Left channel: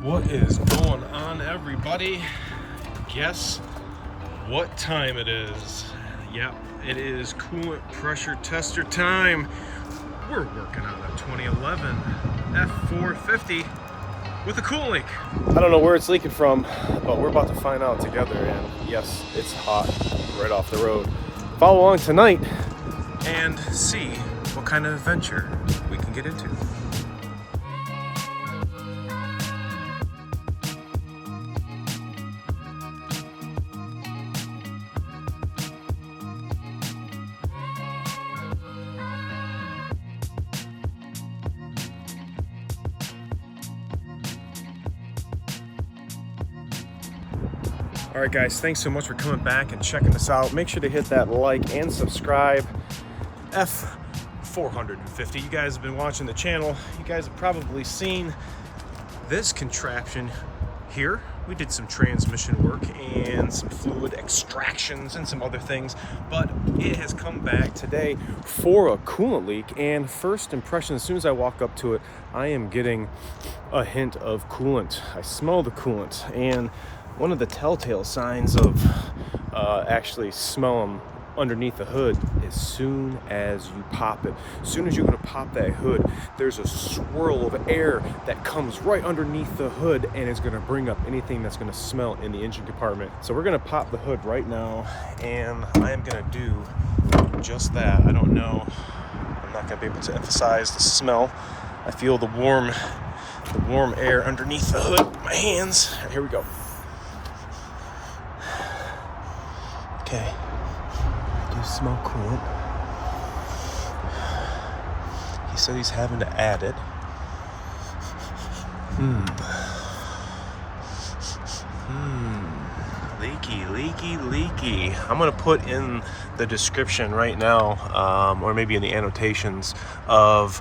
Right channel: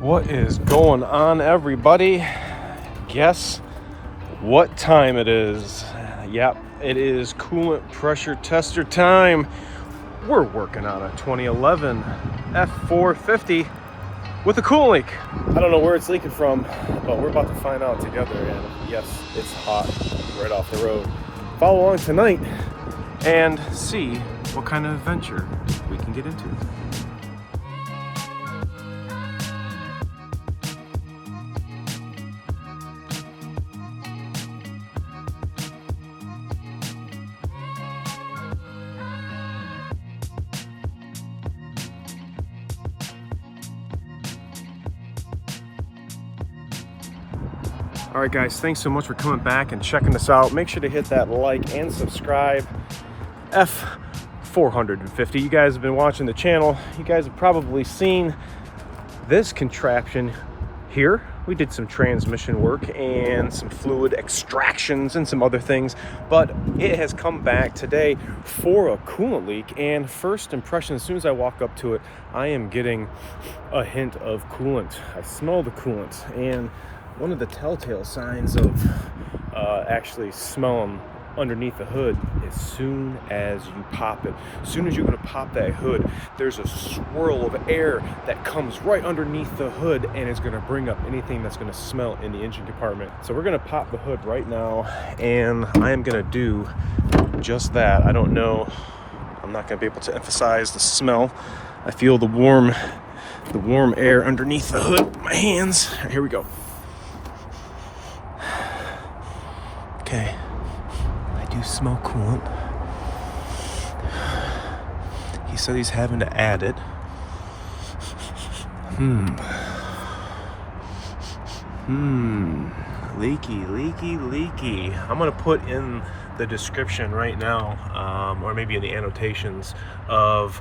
What is going on, everybody? Guess what time it is? Yep, it is coolant pressure tester time. We're working on a 2011 F450 with a coolant leak. I don't know where it's leaking from, but we're about to find out together. And yes, it's hot right off the road. Follow along tonight and see what kind of adventure we can get into. All right, guys, thanks so much for coming back and checking this out. Make sure to hit that like and subscribe. F450. You guys have been watching the channel. You guys have probably seen this contraption here. We did some transmission work and some fluid extractions and some other things, but it has come back today for a coolant leak. And first impression, as soon as I walk up to it, I am getting a hint of coolant. I smell the coolant, and one of the telltale signs of actually smell them underneath the hood, as soon as you pop it. As soon as you're going to pop that hood, there's a swirl of air that comes right underneath the hood and is going to bring up anything that's going to smell in the engine compartment. So we're going to pop the hood right now, and I am going to do just that. I don't know, I'm not going to be able to emphasize the smell. I feel the warm air underneath the hood with my hands. Here we go. Okay, I do smell coolant. He said he's having to add it. Leaky. I'm gonna put in the description right now, or maybe in the annotations of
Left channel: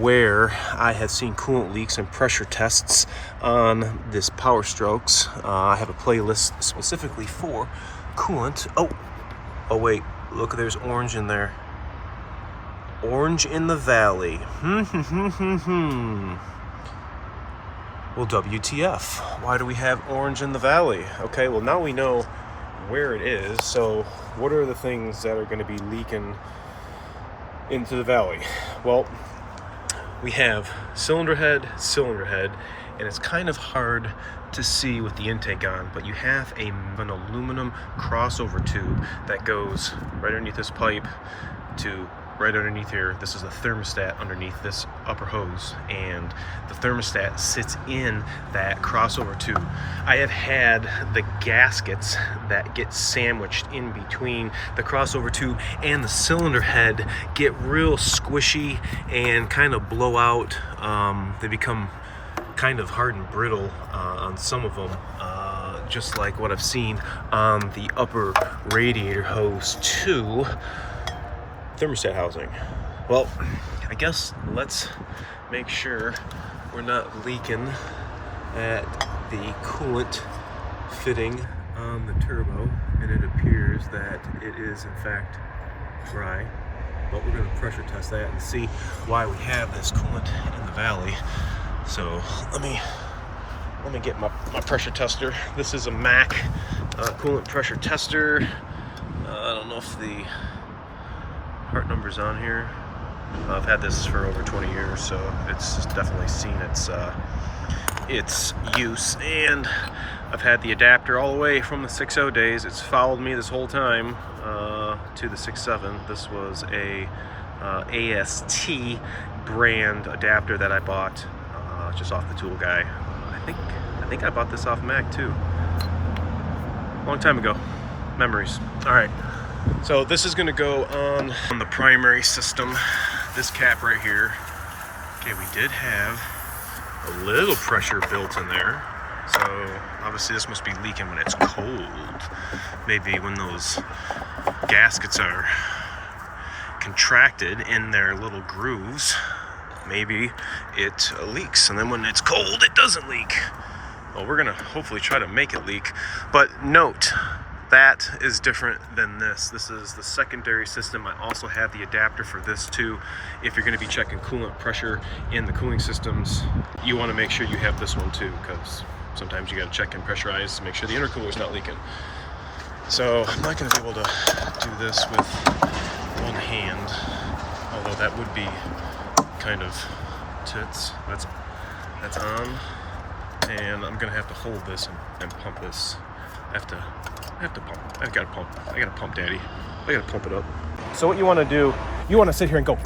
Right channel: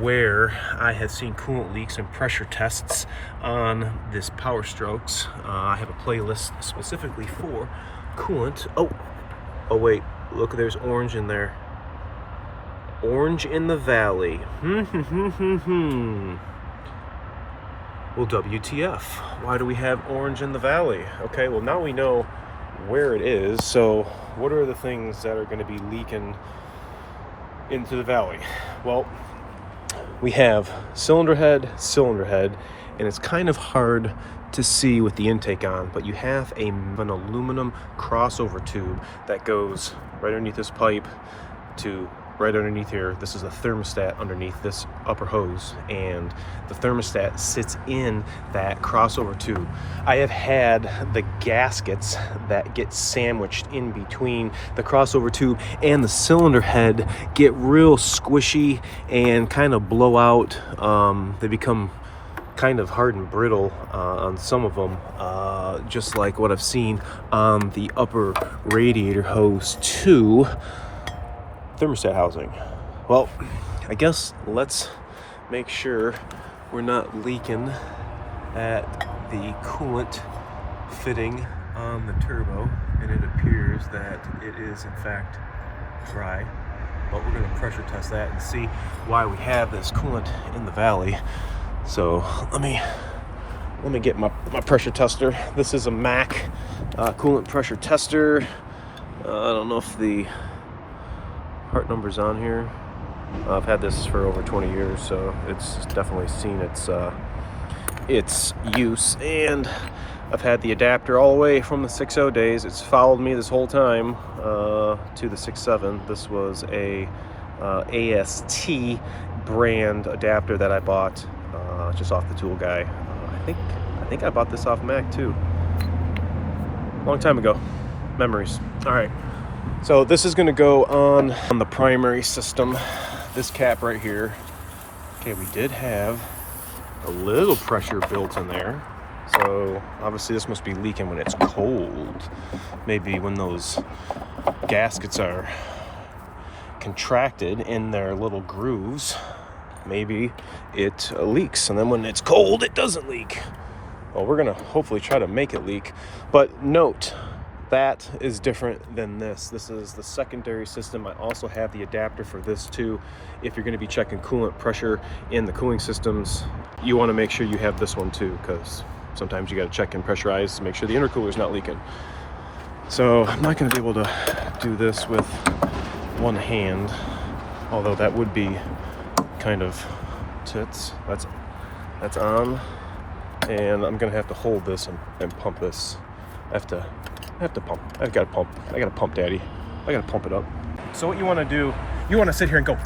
where I have seen coolant leaks and pressure tests on this Power Strokes. I have a playlist specifically for coolant. Oh wait, look, there's orange in there. Orange in the valley. Well, WTF? Why do we have orange in the valley? Okay, well, now we know where it is. So what are the things that are going to be leaking into the valley? Well, we have cylinder head, and it's kind of hard to see with the intake on, but you have an aluminum crossover tube that goes right underneath this pipe to right underneath here. This is a thermostat underneath this upper hose, and the thermostat sits in that crossover tube. I have had the gaskets that get sandwiched in between the crossover tube and the cylinder head get real squishy and kind of blow out. They become kind of hard and brittle on some of them, just like what I've seen on the upper radiator hose to thermostat housing. Well, I guess let's make sure we're not leaking at the coolant fitting on the turbo, and it appears that it is in fact dry, but we're going to pressure test that and see why we have this coolant in the valley. So let me get my pressure tester. This is a Mac coolant pressure tester. I don't know if the part number's on here. I've had this for over 20 years, so it's definitely seen its use. And I've had the adapter all the way from the 6.0 days. It's followed me this whole time to the 6.7. This was a AST brand adapter that I bought just off the tool guy. I think I bought this off Mac too. Long time ago. Memories. All right. So this is going to go on the primary system. This cap right here. Okay, we did have a little pressure built in there. So obviously this must be leaking when it's cold. Maybe when those gaskets are contracted in their little grooves, maybe it leaks, and then when it's cold it doesn't leak. Well, we're gonna hopefully try to make it leak. But note, That is different than this. This is the secondary system. I also have the adapter for this too. If you're going to be checking coolant pressure in the cooling systems, you want to make sure you have this one too, because sometimes you got to check and pressurize to make sure the intercooler is not leaking. So I'm not going to be able to do this with one hand, although that would be kind of tits. That's on, and I'm going to have to hold this and pump this. I have to pump. I've got to pump. I got to pump, Daddy. I got to pump it up. So what you want to do, you want to sit here and go.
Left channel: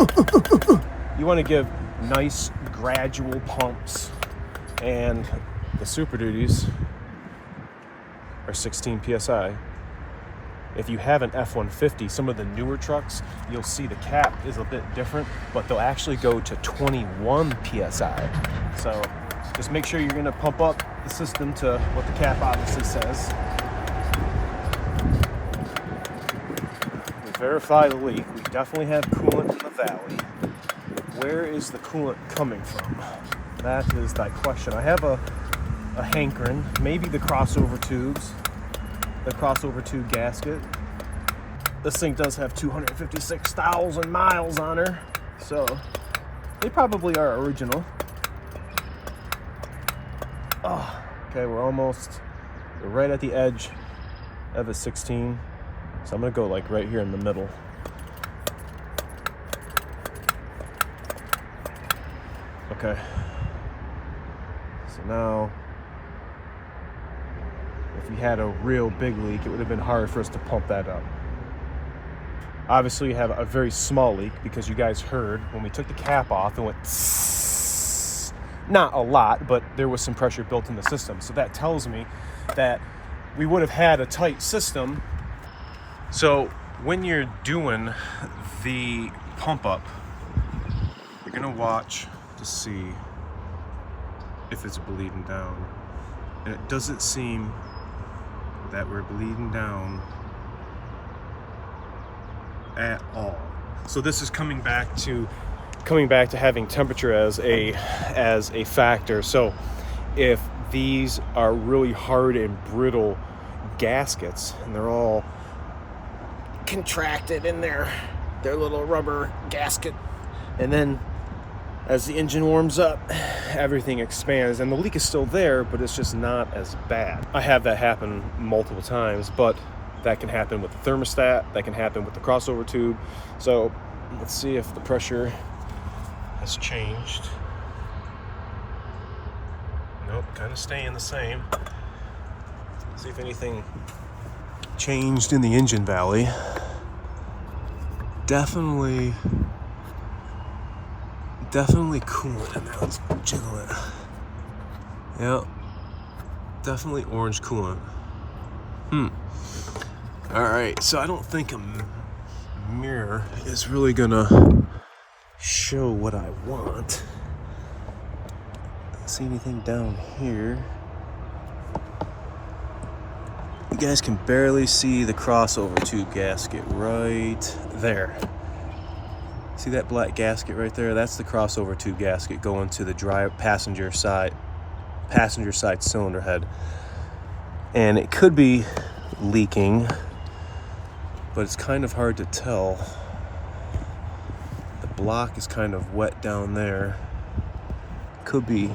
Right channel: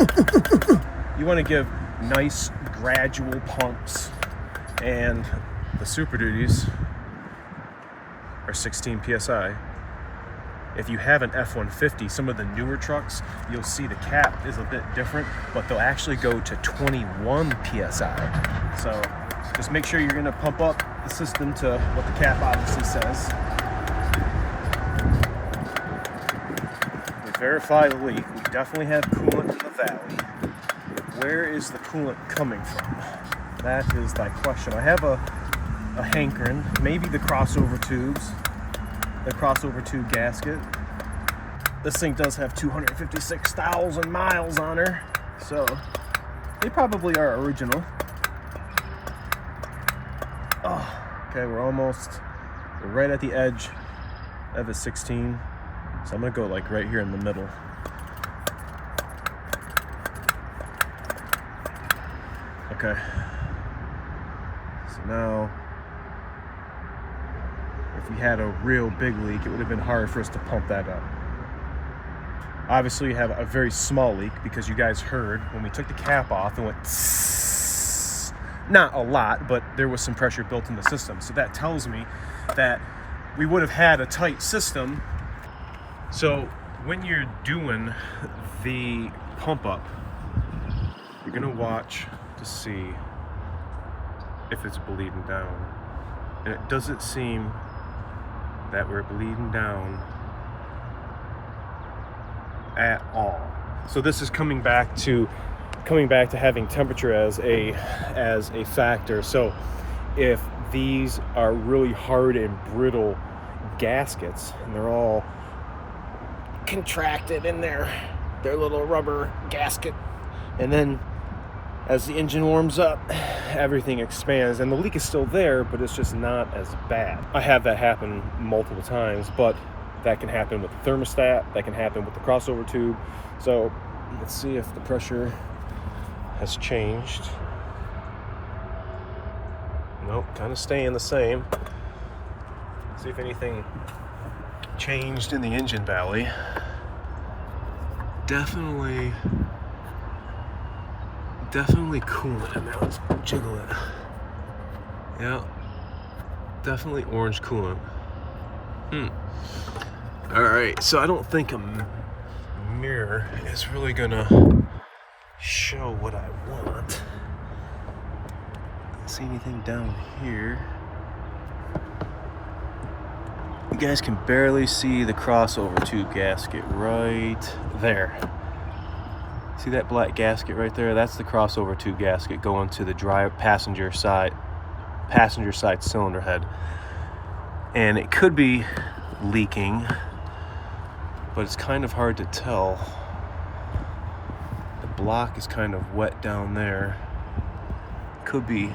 You want to give nice gradual pumps, and the Super Duties are 16 psi. If you have an F-150, some of the newer trucks, you'll see the cap is a bit different, but they'll actually go to 21 psi. So just make sure you're going to pump up the system to what the cap obviously says. We verify the leak. We definitely have coolant in the valley. Where is the coolant coming from? That is that question. I have a hankerin, maybe the crossover tubes. The crossover tube gasket. This thing does have 256,000 miles on her, so they probably are original. Oh, okay, we're right at the edge of a 16, so I'm gonna go like right here in the middle. Okay, so now if we had a real big leak, it would have been hard for us to pump that up. Obviously, you have a very small leak because you guys heard when we took the cap off, it went tss. Not a lot, but there was some pressure built in the system. So that tells me that we would have had a tight system. So when you're doing the pump up, you're gonna watch to see if it's bleeding down. And it doesn't seem that we're bleeding down at all. So this is coming back to having temperature as a factor. So if these are really hard and brittle gaskets and they're all contracted in their little rubber gasket, and then as the engine warms up, everything expands, and the leak is still there, but it's just not as bad. I have that happen multiple times, but that can happen with the thermostat, that can happen with the crossover tube. So let's see if the pressure has changed. Nope, kind of staying the same. See if anything changed in the engine valley. Definitely coolant in there. Let's jiggle it. Yeah, definitely orange coolant. All right, so I don't think a mirror is really gonna show what I want. Don't see anything down here. You guys can barely see the crossover tube gasket right there. See that black gasket right there? That's the crossover tube gasket going to the passenger side cylinder head. And it could be leaking, but it's kind of hard to tell. The block is kind of wet down there. Could be.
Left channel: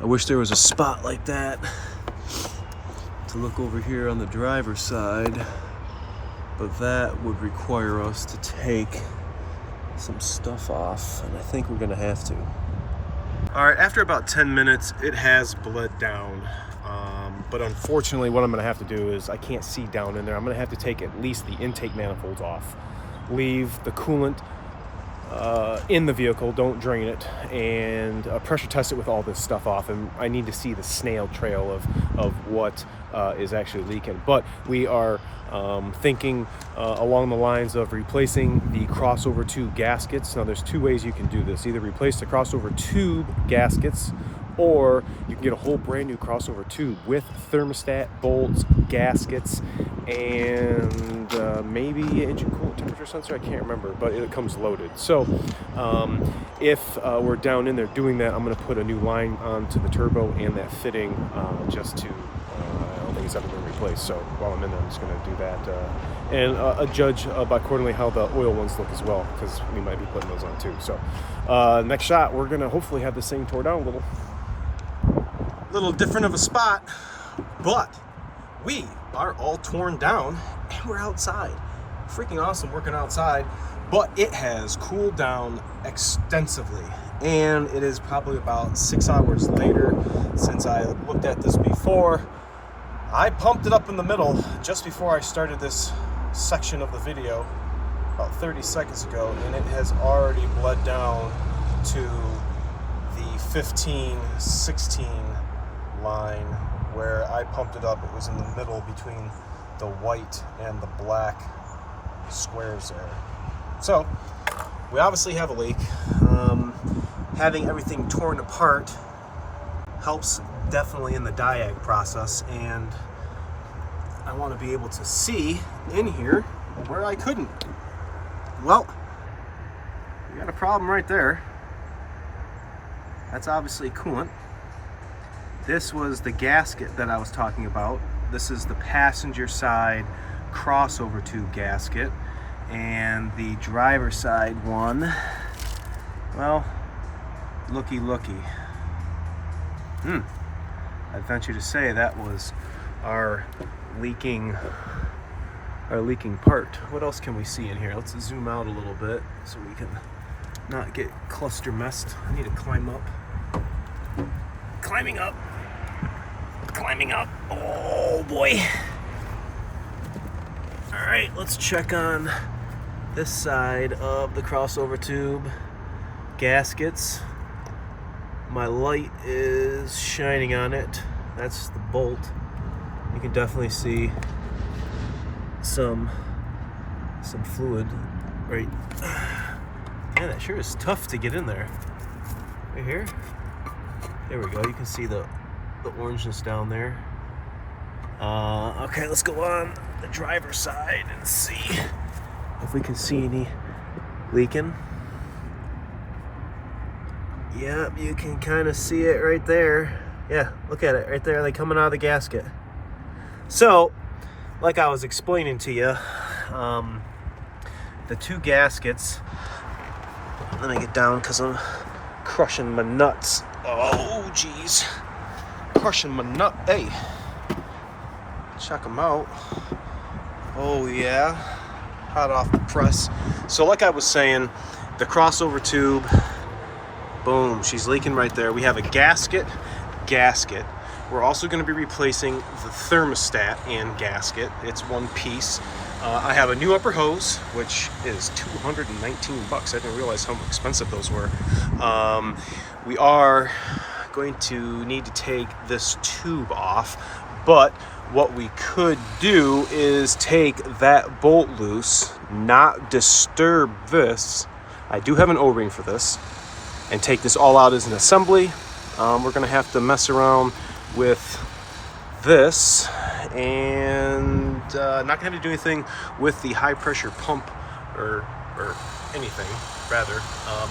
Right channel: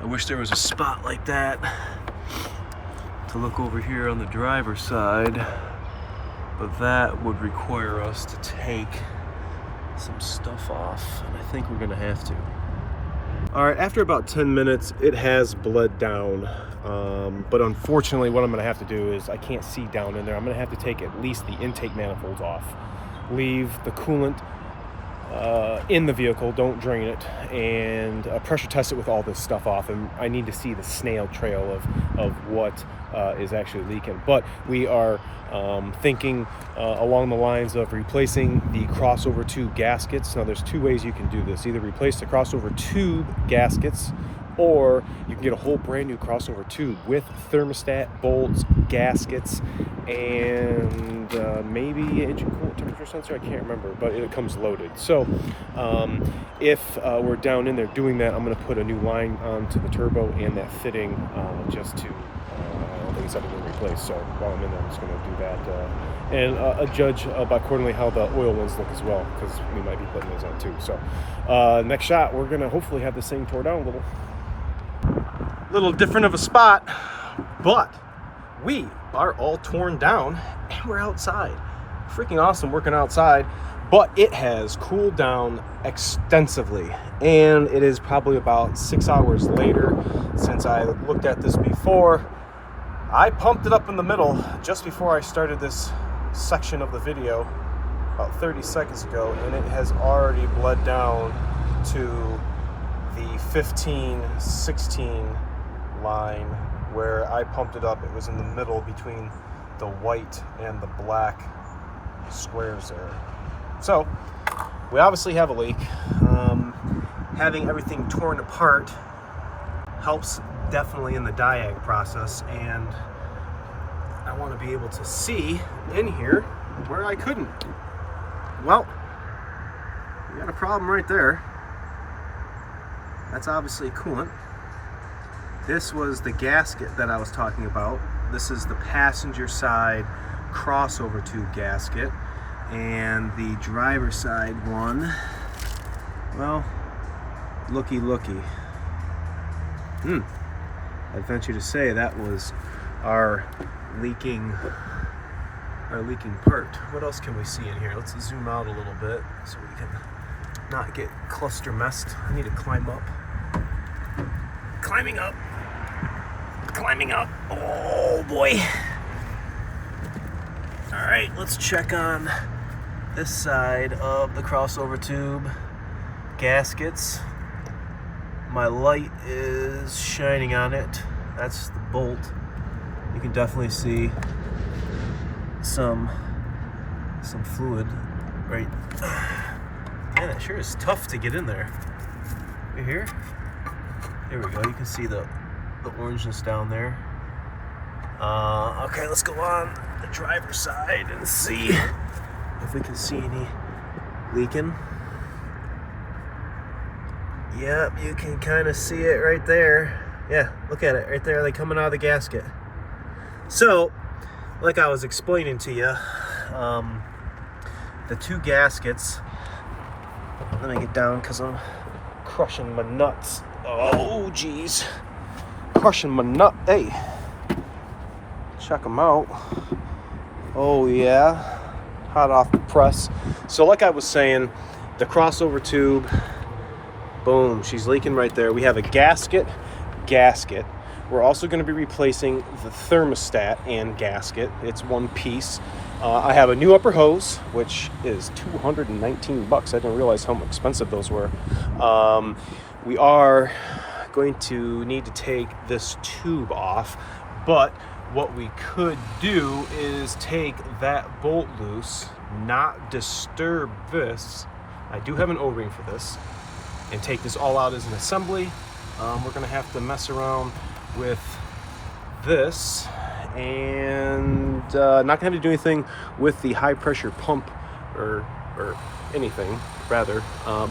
I wish there was a spot like that to look over here on the driver's side, but that would require us to take some stuff off, and I think we're gonna have to. All right, after about 10 minutes, it has bled down. But unfortunately, what I'm gonna have to do is, I can't see down in there. I'm gonna have to take at least the intake manifolds off, leave the coolant in the vehicle, don't drain it, and pressure test it with all this stuff off. And I need to see the snail trail of what is actually leaking. But we are thinking along the lines of replacing the crossover tube gaskets. Now there's two ways you can do this. Either replace the crossover tube gaskets or you can get a whole brand new crossover tube with thermostat, bolts, gaskets, and maybe engine coolant temperature sensor. I can't remember, but it comes loaded. So if we're down in there doing that, I'm going to put a new line onto the turbo and that fitting just to, I don't think it's ever been replaced. So while I'm in there, I'm just going to do that and judge by accordingly how the oil ones look as well, because we might be putting those on too. So next shot, we're going to hopefully have this thing tore down a little different of a spot, but we are all torn down and we're outside. Freaking awesome working outside, but it has cooled down extensively, and it is probably about 6 hours later since I looked at this before. I pumped it up in the middle just before I started this section of the video about 30 seconds ago, and it has already bled down to the 15-16 line where I pumped it up. It was in the middle between the white and the black squares there. So we obviously have a leak. Having everything torn apart helps definitely in the diag process, and I want to be able to see in here where I couldn't. Well, we got a problem right there. That's obviously coolant. This was the gasket that I was talking about. This is the passenger side crossover tube gasket, and the driver side one, well, looky. I'd venture to say that was our leaking part. What else can we see in here? Let's zoom out a little bit so we can not get cluster messed. I need to climb up. Climbing up. Oh boy. All right, let's check on this side of the crossover tube gaskets. My light is shining on it. That's the bolt. You can definitely see some fluid right. Man, it sure is tough to get in there. You here? There we go. You can see the orangeness down there. Okay, let's go on the driver's side and see if we can see any leaking. Yep, you can kind of see it right there. Yeah, look at it right there, like coming out of the gasket. So, like I was explaining to you, the two gaskets, let me get down because I'm crushing my nuts. Oh, geez. Crushing my nut. Hey, check them out. Oh, yeah. Hot off the press. So like I was saying, the crossover tube, boom, she's leaking right there. We have a gasket. We're also going to be replacing the thermostat and gasket. It's one piece. I have a new upper hose, which is $219. I didn't realize how expensive those were. We are going to need to take this tube off, but what we could do is take that bolt loose, not disturb this. I do have an O-ring for this, and take this all out as an assembly. We're gonna have to mess around with this, and not gonna have to do anything with the high pressure pump or anything rather,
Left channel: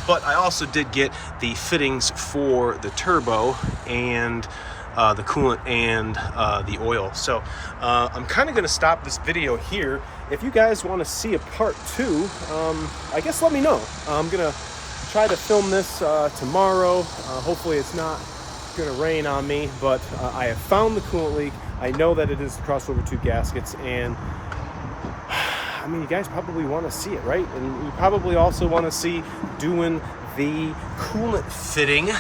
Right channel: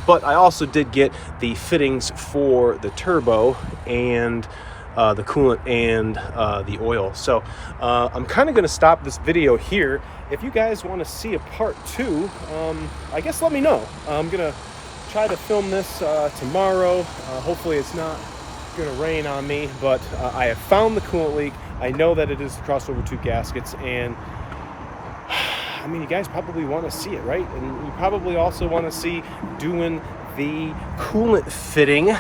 but I also did get the fittings for the turbo and the coolant and the oil. So I'm kind of going to stop this video here. If you guys want to see a part 2, I guess let me know. I'm going to try to film this tomorrow. Hopefully it's not going to rain on me, but I have found the coolant leak. I know that it is the crossover tube gaskets, and I mean, you guys probably want to see it, right? And you probably also want to see doing the coolant fitting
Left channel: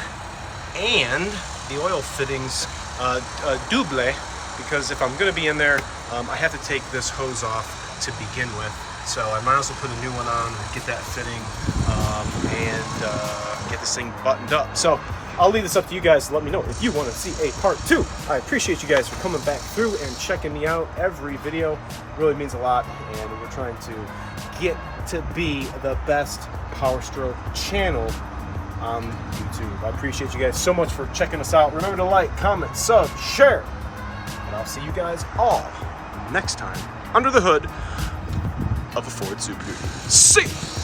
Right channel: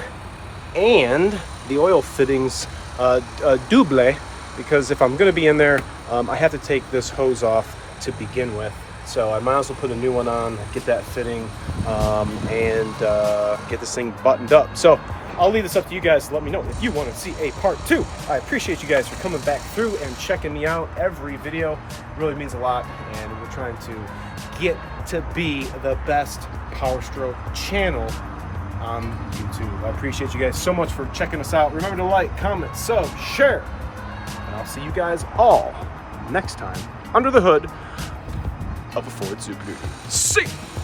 and the oil fittings double, because if I'm going to be in there, I have to take this hose off to begin with. So I might as well put a new one on, get that fitting, and get this thing buttoned up. So I'll leave this up to you guys to let me know if you want to see a part 2. I appreciate you guys for coming back through and checking me out every video. It really means a lot, and we're trying to get to be the best Power Stroke channel on YouTube. I appreciate you guys so much for checking us out. Remember to like, comment, sub, share, and I'll see you guys all next time under the hood of a Ford Super Duty. See ya!